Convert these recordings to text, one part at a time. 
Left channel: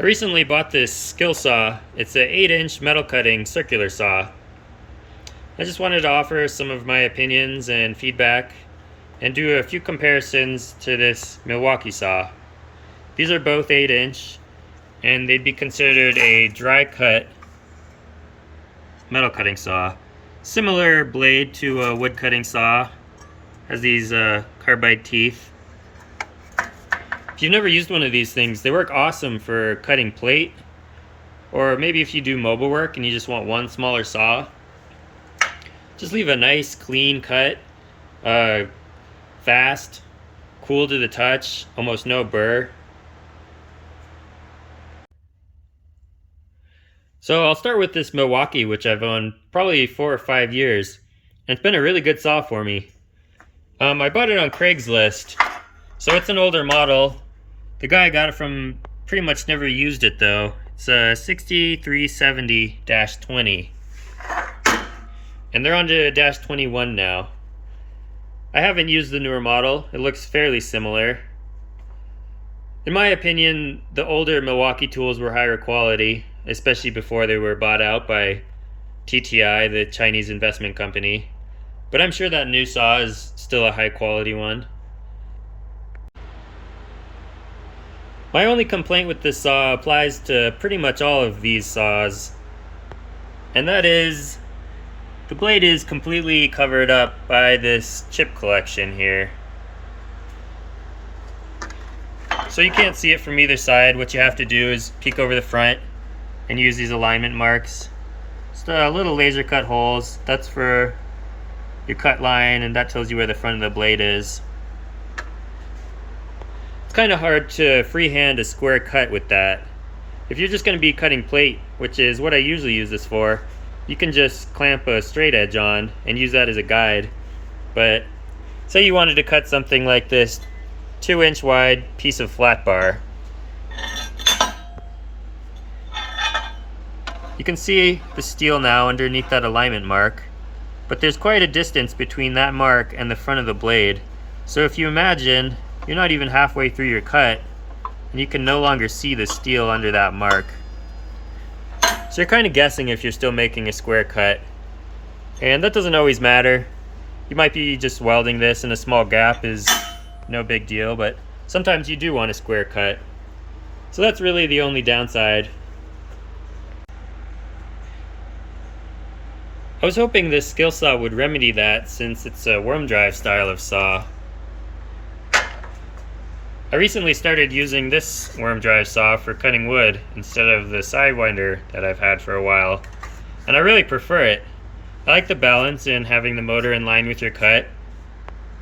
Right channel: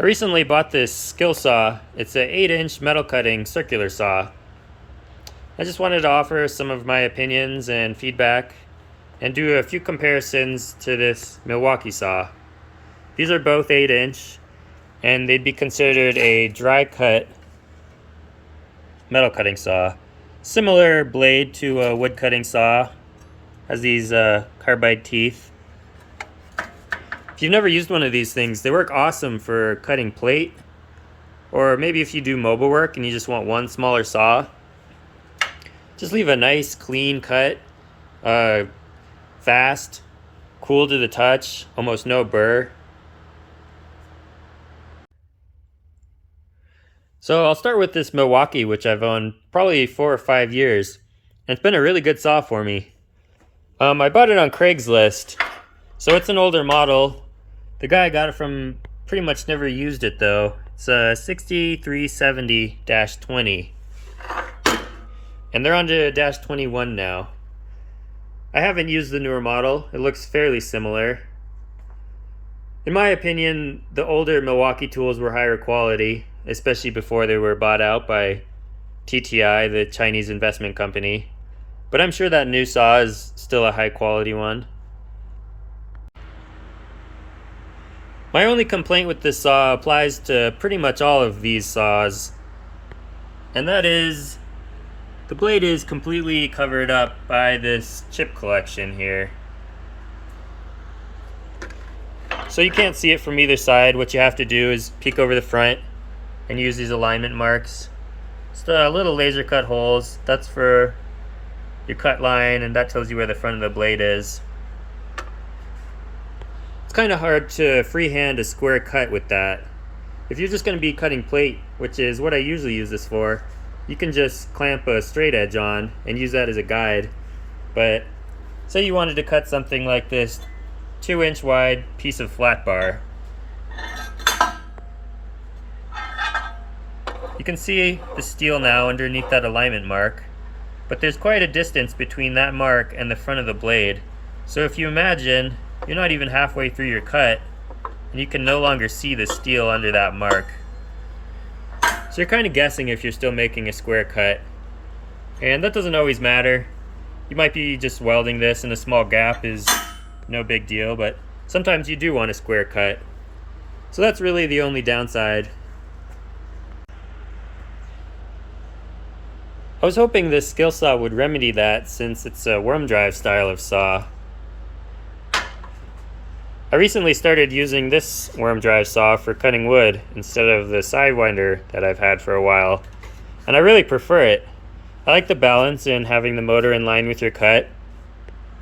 I recently bought this Skilsaw. It's an 8-inch metal cutting circular saw. I just wanted to offer some of my opinions and feedback and do a few comparisons to this Milwaukee saw. These are both 8-inch and they'd be considered a dry cut metal cutting saw. Similar blade to a wood cutting saw, has these carbide teeth. If you've never used one of these things, they work awesome for cutting plate, or maybe if you do mobile work and you just want one smaller saw. Just leave a nice clean cut, fast, cool to the touch, almost no burr. So I'll start with this Milwaukee, which I've owned probably 4 or 5 years, and it's been a really good saw for me. I bought it on Craigslist, so it's an older model. The guy I got it from pretty much never used it though. It's a 6370-20, and they're on to -21 now. I haven't used the newer model. It looks fairly similar. In my opinion, the older Milwaukee tools were higher quality, especially before they were bought out by TTI, the Chinese investment company. But I'm sure that new saw is still a high quality one. My only complaint with this saw applies to pretty much all of these saws, and that is the blade is completely covered up by this chip collection here. So you can't see it from either side. What you have to do is peek over the front and use these alignment marks. Just little laser cut holes. That's for your cut line, and that tells you where the front of the blade is. It's kind of hard to freehand a square cut with that. If you're just going to be cutting plate, which is what I usually use this for, you can just clamp a straight edge on and use that as a guide. But say you wanted to cut something like this 2-inch wide piece of flat bar. You can see the steel now underneath that alignment mark, but there's quite a distance between that mark and the front of the blade. So if you imagine, you're not even halfway through your cut, and you can no longer see the steel under that mark. So you're kind of guessing if you're still making a square cut. And that doesn't always matter. You might be just welding this and a small gap is no big deal, but sometimes you do want a square cut. So that's really the only downside. I was hoping this Skilsaw would remedy that, since it's a worm drive style of saw. I recently started using this worm drive saw for cutting wood instead of the Sidewinder that I've had for a while, and I really prefer it. I like the balance in having the motor in line with your cut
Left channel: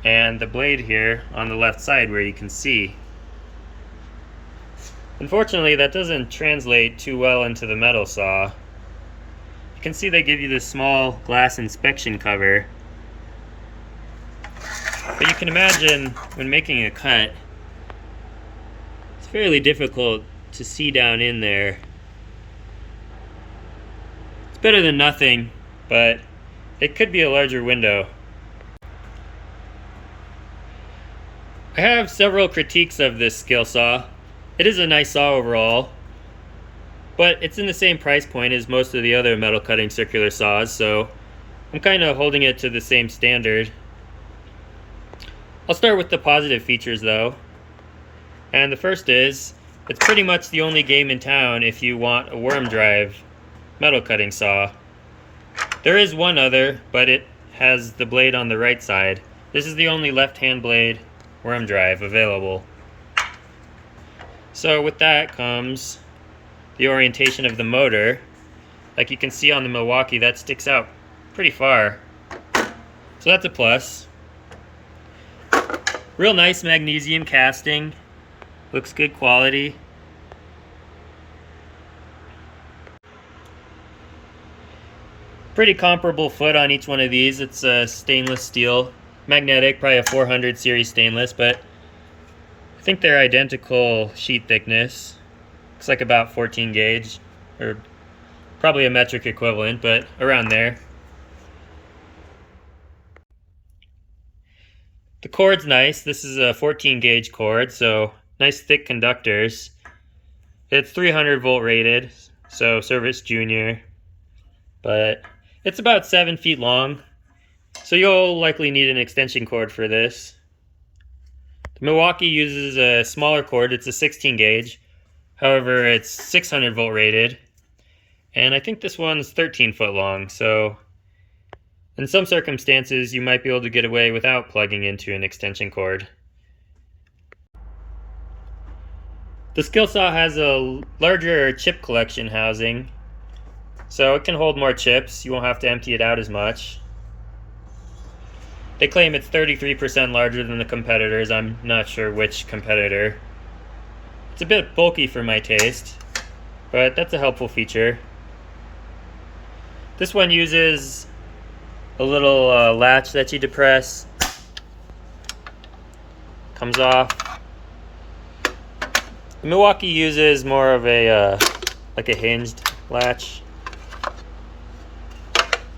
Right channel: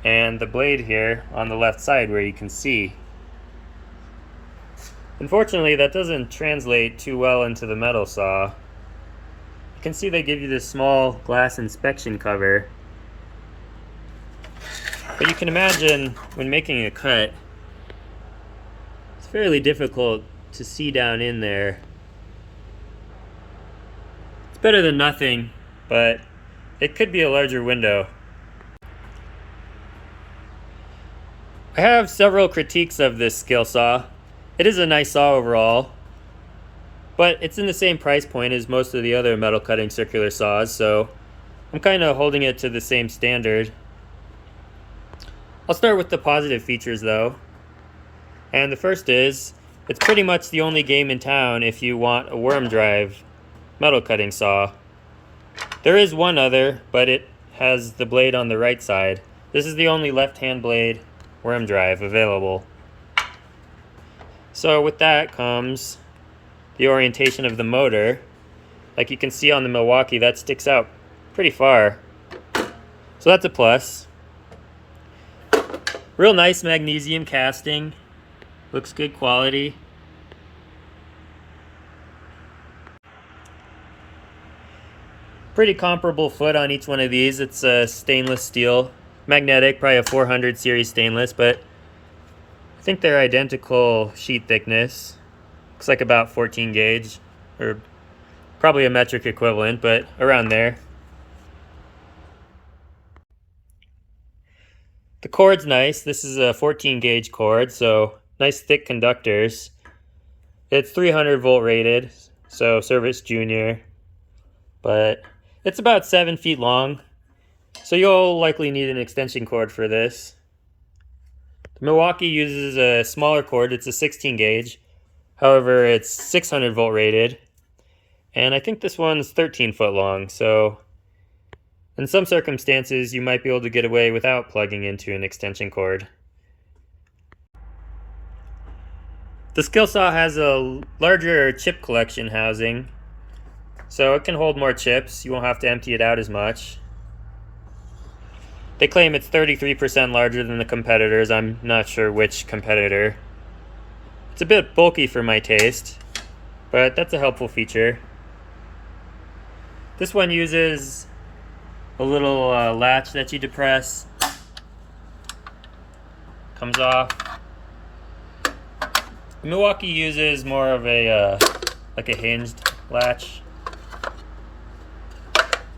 and the blade here on the left side where you can see. Unfortunately, that doesn't translate too well into the metal saw. You can see they give you this small glass inspection cover, but you can imagine when making a cut, it's fairly difficult to see down in there. It's better than nothing, but it could be a larger window. I have several critiques of this Skilsaw. It is a nice saw overall, but it's in the same price point as most of the other metal cutting circular saws, so I'm kind of holding it to the same standard. I'll start with the positive features though. And the first is, it's pretty much the only game in town if you want a worm drive metal cutting saw. There is one other, but it has the blade on the right side. This is the only left-hand blade worm drive available. So with that comes the orientation of the motor. Like you can see on the Milwaukee, that sticks out pretty far. So that's a plus. Real nice magnesium casting. Looks good quality. Pretty comparable foot on each one of these. It's a stainless steel, magnetic, probably a 400 series stainless, but I think they're identical sheet thickness. Looks like about 14 gauge, or probably a metric equivalent, but around there. The cord's nice. This is a 14 gauge cord, so nice thick conductors. It's 300 volt rated, so service junior, but it's about 7 feet long, so you'll likely need an extension cord for this. The Milwaukee uses a smaller cord, it's a 16 gauge, however it's 600 volt rated, and I think this one's 13 foot long, so in some circumstances you might be able to get away without plugging into an extension cord. The Skilsaw has a larger chip collection housing, so it can hold more chips. You won't have to empty it out as much. They claim it's 33% larger than the competitors. I'm not sure which competitor. It's a bit bulky for my taste, but that's a helpful feature. This one uses a little latch that you depress. Comes off. The Milwaukee uses more of a like a hinged latch.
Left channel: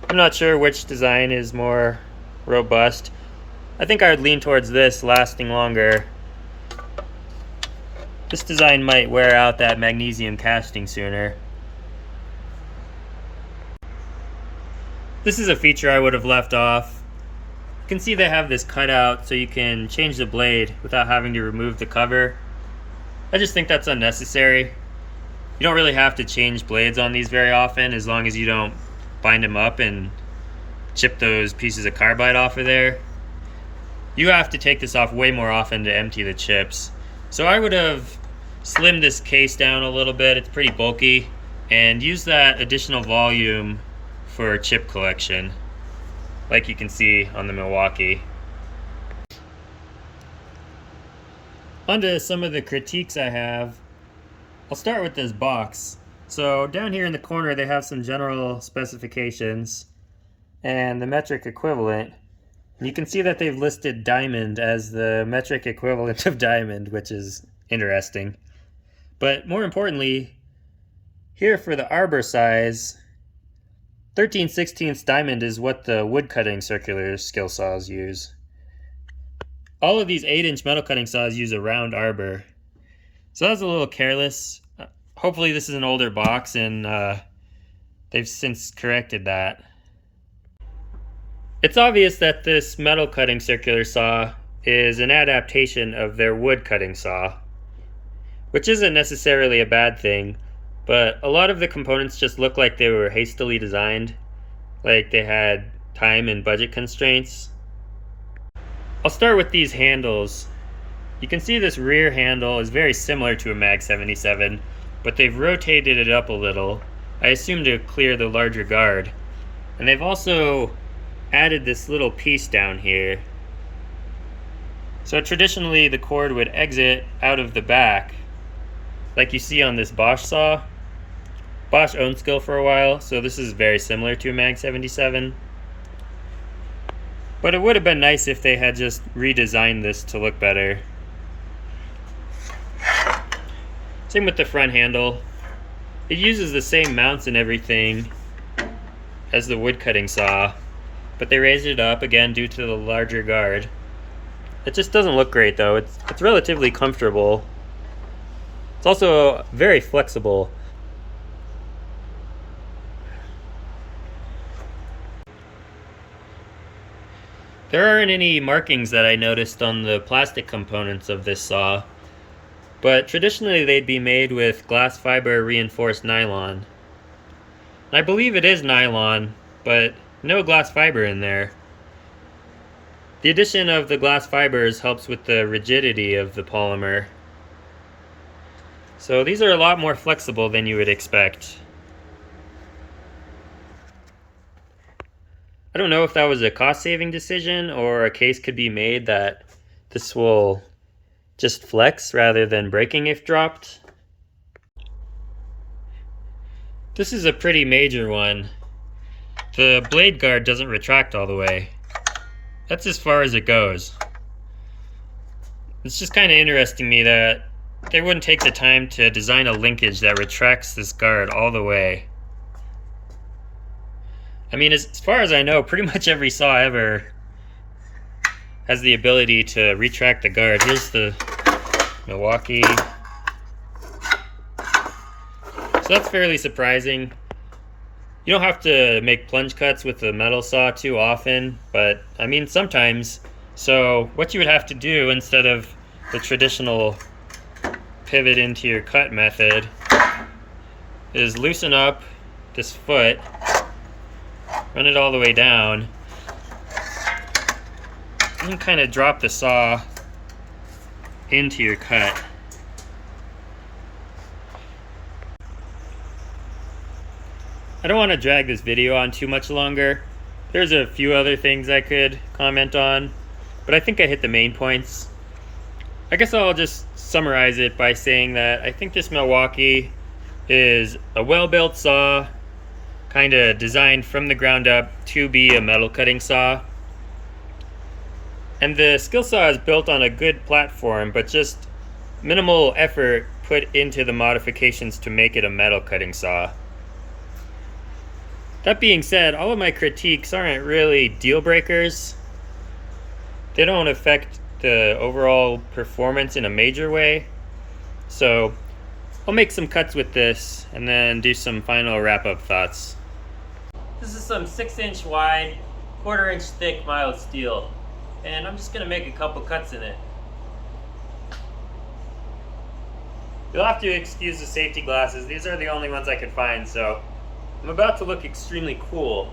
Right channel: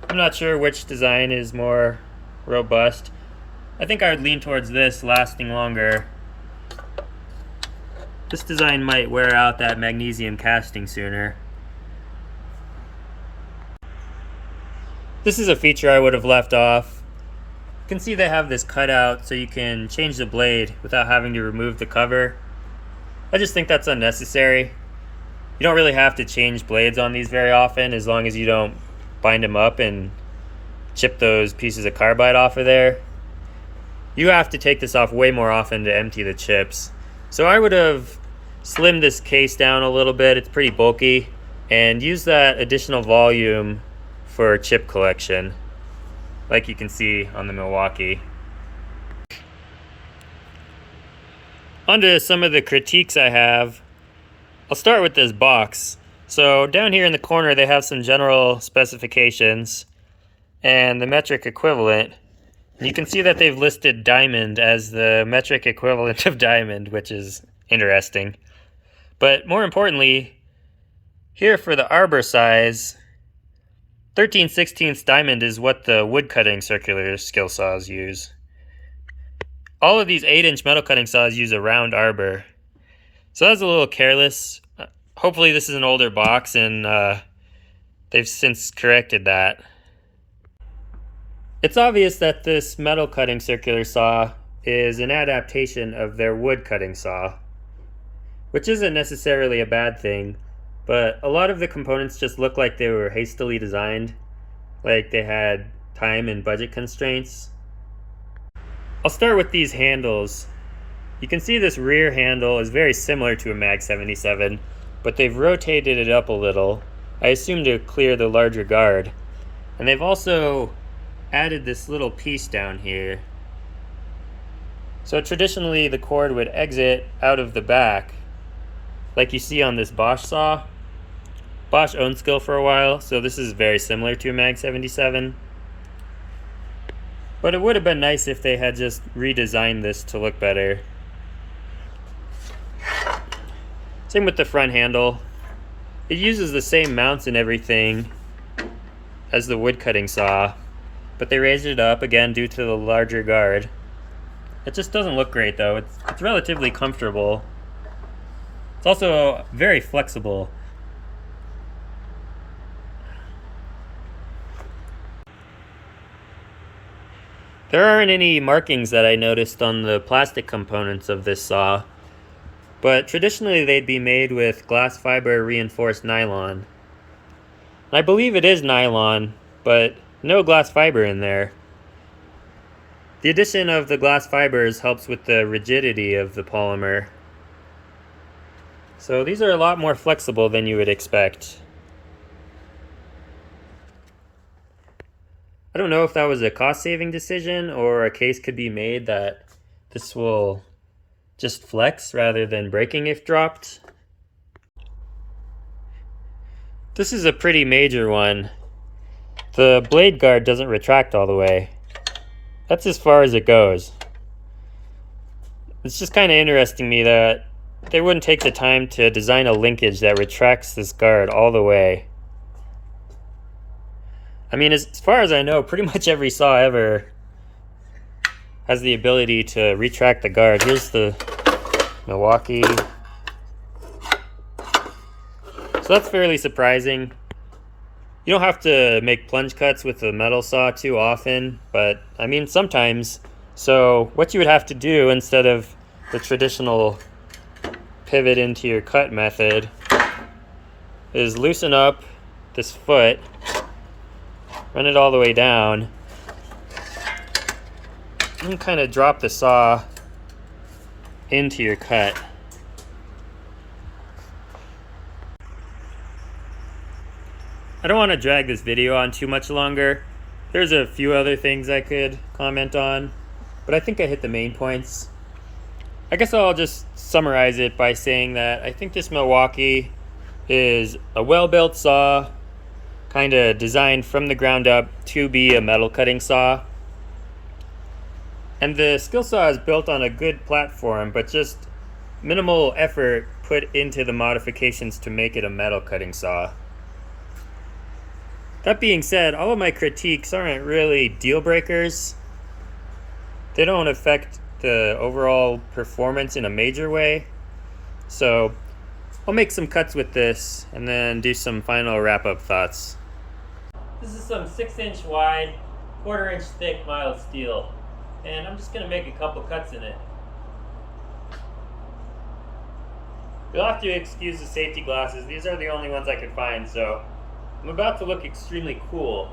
I'm not sure which design is more robust. I think I would lean towards this, lasting longer. This design might wear out that magnesium casting sooner. This is a feature I would have left off. You can see they have this cutout so you can change the blade without having to remove the cover. I just think that's unnecessary. You don't really have to change blades on these very often, as long as you don't bind them up and chip those pieces of carbide off of there. You have to take this off way more often to empty the chips. So I would have slimmed this case down a little bit, it's pretty bulky, and use that additional volume for chip collection, like you can see on the Milwaukee. On to some of the critiques I have. I'll start with this box. So down here in the corner they have some general specifications and the metric equivalent. And you can see that they've listed diamond as the metric equivalent of diamond, which is interesting. But more importantly, here for the arbor size, 13/16 diamond is what the wood cutting circular skill saws use. All of these 8-inch metal cutting saws use a round arbor. So that's a little careless. Hopefully this is an older box and they've since corrected that. It's obvious that this metal cutting circular saw is an adaptation of their wood cutting saw, which isn't necessarily a bad thing, but a lot of the components just look like they were hastily designed, like they had time and budget constraints. I'll start with these handles. You can see this rear handle is very similar to a Mag 77, but they've rotated it up a little, I assume to clear the larger guard. And they've also added this little piece down here. So traditionally the cord would exit out of the back, like you see on this Bosch saw. Bosch owned Skil for a while, so this is very similar to a Mag 77. But it would have been nice if they had just redesigned this to look better. Same with the front handle. It uses the same mounts and everything as the wood cutting saw, but they raised it up again due to the larger guard. It just doesn't look great though. It's relatively comfortable. It's also very flexible. There aren't any markings that I noticed on the plastic components of this saw, but traditionally they'd be made with glass fiber reinforced nylon. I believe it is nylon, but no glass fiber in there. The addition of the glass fibers helps with the rigidity of the polymer. So these are a lot more flexible than you would expect. I don't know if that was a cost-saving decision or a case could be made that this will just flex rather than breaking if dropped. This is a pretty major one. The blade guard doesn't retract all the way. That's as far as it goes. It's just kind of interesting to me that they wouldn't take the time to design a linkage that retracts this guard all the way. I mean, as far as I know, pretty much every saw ever has the ability to retract the guard. Here's the Milwaukee. So that's fairly surprising. You don't have to make plunge cuts with a metal saw too often, but I mean sometimes. So what you would have to do instead of the traditional pivot into your cut method is loosen up this foot, run it all the way down, and kind of drop the saw into your cut. I don't want to drag this video on too much longer. There's a few other things I could comment on, but I think I hit the main points. I guess I'll just summarize it by saying that I think this Milwaukee is a well-built saw, kind of designed from the ground up to be a metal cutting saw. And the Skilsaw is built on a good platform, but just minimal effort put into the modifications to make it a metal cutting saw. That being said, all of my critiques aren't really deal breakers. They don't affect the overall performance in a major way. So I'll make some cuts with this and then do some final wrap-up thoughts. This is some 6-inch wide, 1/4 inch thick mild steel, and I'm just gonna make a couple cuts in it. You'll have to excuse the safety glasses. These are the only ones I could find, so I'm about to look extremely cool.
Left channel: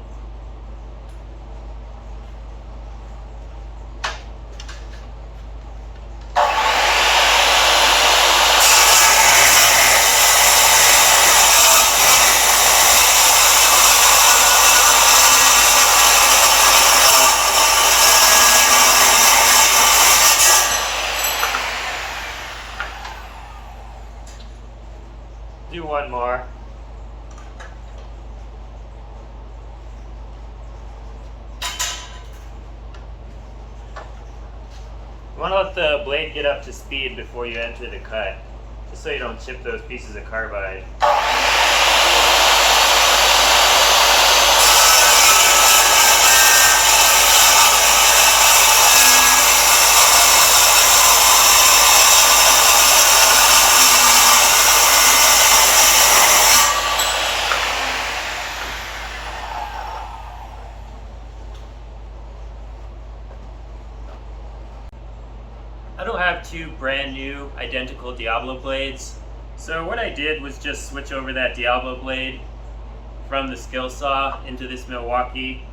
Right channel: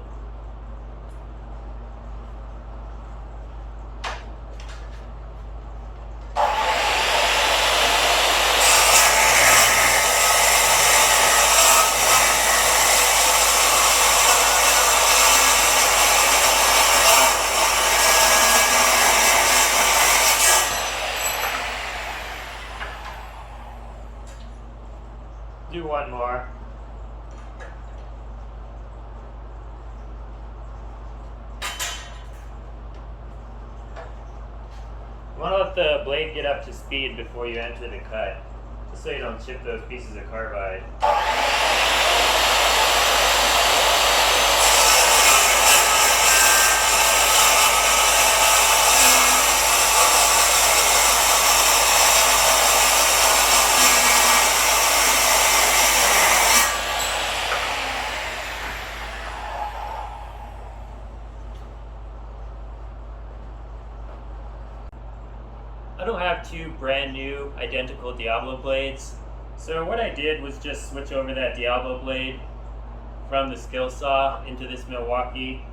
Do one more. You want to let the blade get up to speed before you enter the cut, just so you don't chip those pieces of carbide. I don't have two brand new identical Diablo blades, so what I did was just switch over that Diablo blade from the Skilsaw into this Milwaukee.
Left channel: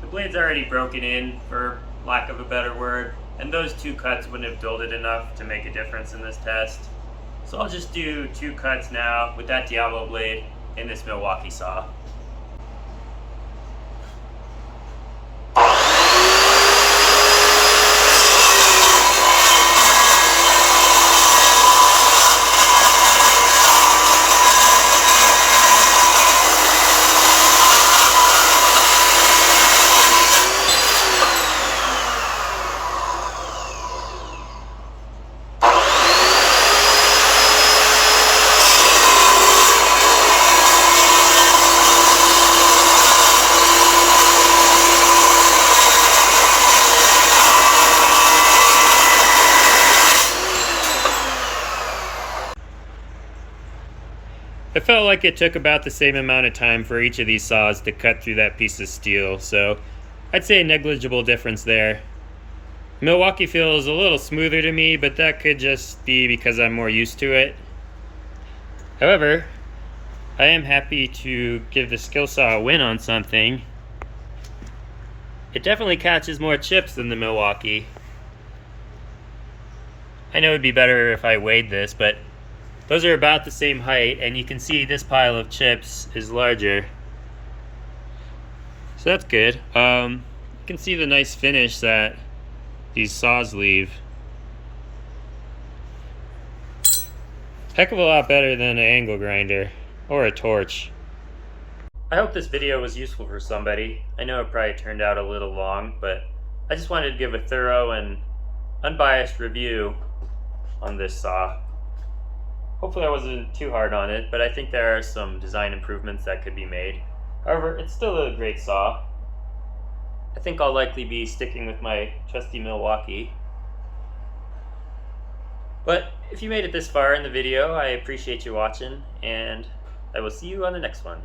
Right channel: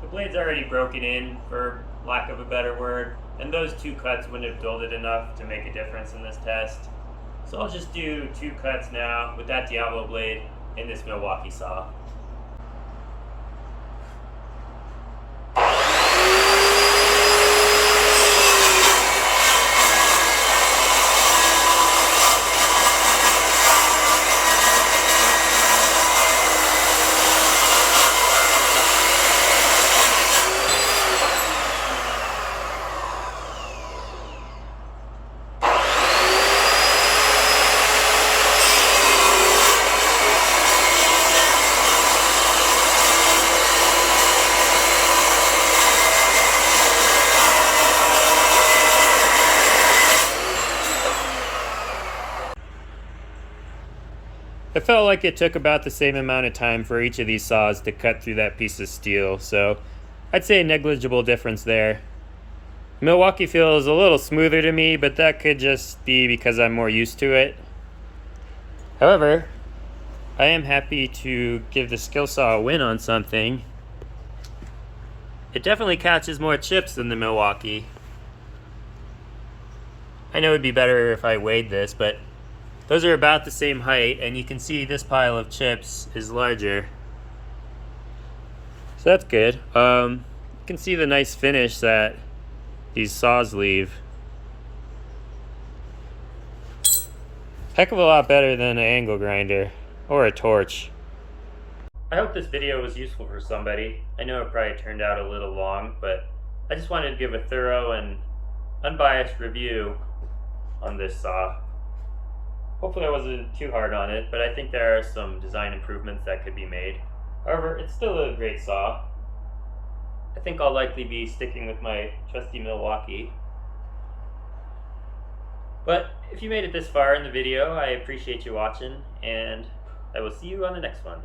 The blade's already broken in, for lack of a better word, and those two cuts wouldn't have dulled it enough to make a difference in this test. So I'll just do 2 cuts now with that Diablo blade in this Milwaukee saw. It felt like it took about the same amount of time for each of these saws to cut through that piece of steel, so I'd say a negligible difference there. Milwaukee feels a little smoother to me, but that could just be because I'm more used to it. However, I am happy to give the Skilsaw a win on something. It definitely catches more chips than the Milwaukee. I know it'd be better if I weighed this, but those are about the same height, and you can see this pile of chips is larger. So that's good. You can see the nice finish that these saws leave. Heck of a lot better than an angle grinder or a torch. I hope this video was useful for somebody. I know it probably turned out a little long, but I just wanted to give a thorough and unbiased review on this saw. Hopefully I wasn't too hard on it, but I think there are some design improvements that could be made. However, it's still a great saw. I think I'll likely be sticking with my trusty Milwaukee. But if you made it this far in the video, I appreciate you watching, and I will see you on the next one.